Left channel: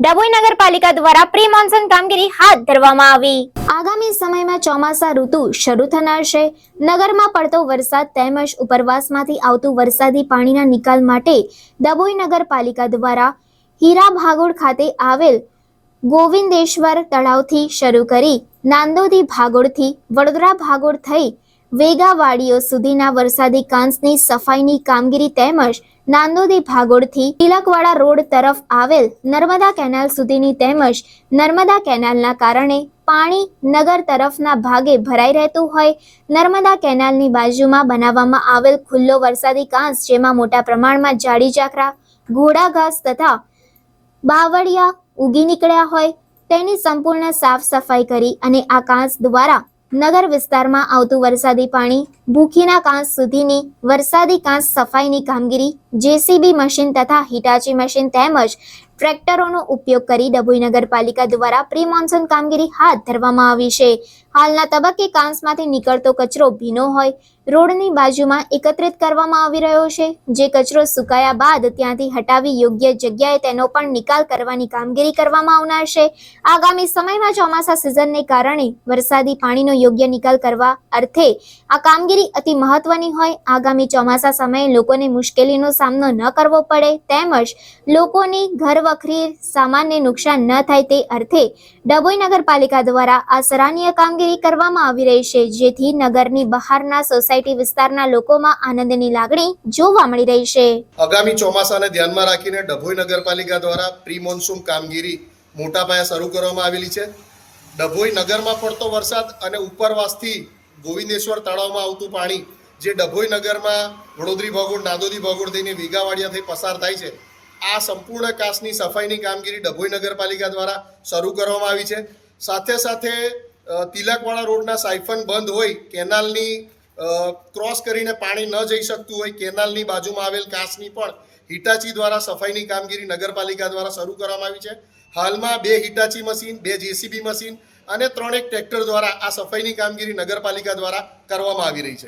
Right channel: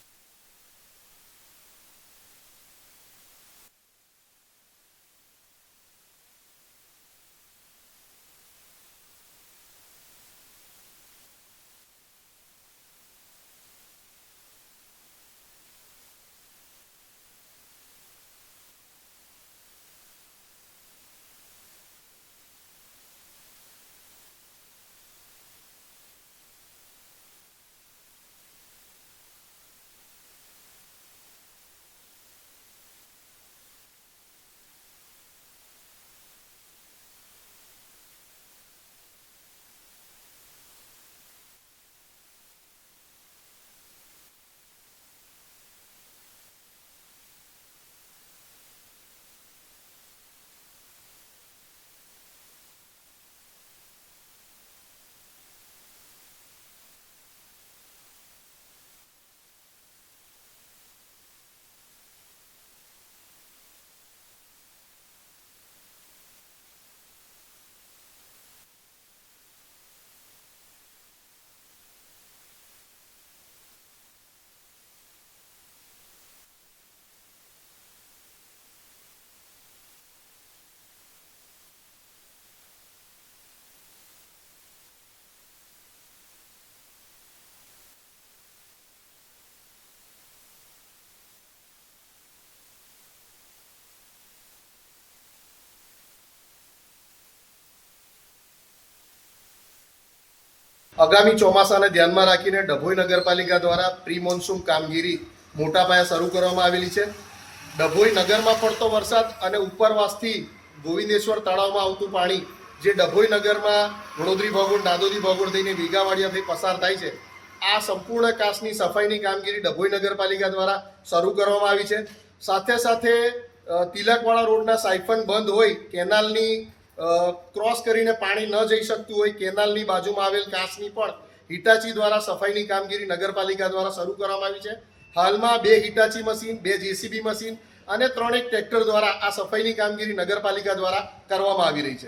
ડભોઈ નગરપાલિકા દ્વારા pre monsoon કામગીરી હાથ ધરવામાં આવી। આગામી સમયમાં ચોમાસા ઋતુ શરૂ થનાર છે। નગરમાં પડતો વરસાદ તેમજ ઉપરવાસમાંથી આવતું વરસાદી પાણીના નિકાલ માટે ડભોઈ નગરપાલિકા દ્વારા હીરા ભાગોળ ખાતે આવેલ ગોવિંદેશ્વર તળાવથી શરૂ કરી નાંદોદી ભાગોળથી વડોદરા ભાગોળ થઈ વેગાવાડીઓ સુધીના વરસાદી કાંસની સફાઈની કામગીરી તેમજ નાંદોદી ભાગોળથી તિલકવાડા રોડ તરફ આવેલ નર્મદા કેનાલ સુધીની તેમજ નર્મદા કેનાલના કારણે પાણી નગર તરફના ભાગે ભરાઈ રહેતું હોય નર્મદા કેનાલની બાજુમાં બનાવવામાં આવેલ ખુલ્લો વરસાદી કાંસ જેમાં મોટા પ્રમાણમાં જાડી જાખરા ઘોડા ઘાસ તથા બાવળિયા ઉગી નીકળ્યા હોય તેની સંપૂર્ણ સાફ સફાઈ કરી અને આ કાંસ દ્વારા નગર વિસ્તારમાં આવતું વરસાદી પાણી ભૂખીના કાંસ સુધીની વરસાદી કાંસ સફાઈની કામગીરી જેસીબી મશીન તથા હિટાચી મશીન તેમજ ટ્રેક્ટરોનો ઉપયોગ કરી ડભોઈ નગરપાલિકા દ્વારા પ્રી મોન્સૂન કામગીરી હાથ ધરવામાં આવી છે। હાલના તબક્કે કાંસમાંથી નીકળતો કચરો ભીનો હોય રોડની બાજુમાં એકત્રિત કરવામાં આવી રહ્યો છે, જે કચરો સુકાયા બાદ ત્યાંથી હટાવી યોગ્ય જગ્યાએ તેનો પણ નિકાલ કરવાની કામગીરી કરવામાં આવનાર છે। આગામી સમયમાં ચોમાસા સિઝનને કારણે વરસાદી પાણીનો યોગ્ય નિકાલ કરવા અર્થે આ કામગીરી અતિ મહત્વની હોય આગામી ચોમાસા સમયે લોકોને મુશ્કેલીનો સામનો ન કરવો પડે તેમજ લોકોની ઘર વખરી સામાનને નુકસાન ન થાય તે અર્થે ડભોઈ નગરપાલિકા દ્વારા આ સરાહનીય કામગીરી કરવામાં આવી રહી છે, જેથી નગરની બહારના સોસાયટી વિસ્તારના લોકોમાં આનંદની લાગણી જોવા મળી રહી છે। આગામી ચોમાસાને ધ્યાનમાં રાખીને ડભોઈ નગરપાલિકા દ્વારા પ્રી મોન્સૂન કામગીરી મોટા પાયે શરૂ કરવામાં આવેલી છે। ડભોઈ નગરમાં પડતો વરસાદ અને ઉપરવાસથી ગોવિંદેશ્વર તળાવમાં આવતું પાણી જે ડભોઈ નગરમાં વડોદરી ભાગોળ નાંદોદી ભાગોળ થઈને વેગાવાડિયા થઈ પસાર થાય છે, આ સંપૂર્ણ કાંસની સફાઈની કામગીરી ડભોઈ નગરપાલિકા દ્વારા શરૂ કરવામાં આવી છે। સાથે સાથે તિલકવાડા રોડના સાયફન બંધ હોય કેનાલની ક્રોસ કરીને પાણી ન જઈ શકતું હોય કેનાલની બાજુમાં આવેલ કાંસની પણ હિટાચી દ્વારા સફાઈની કામગીરી નગરપાલિકા દ્વારા શરૂ કરવામાં આવી છે। હાલમાં 2 હિટાચી મશીન 2 જેસીબી મશીન અને 3 ટ્રેક્ટર દ્વારા આ સફાઈની કામગીરી નગરપાલિકા દ્વારા કરવામાં આવી રહી છે।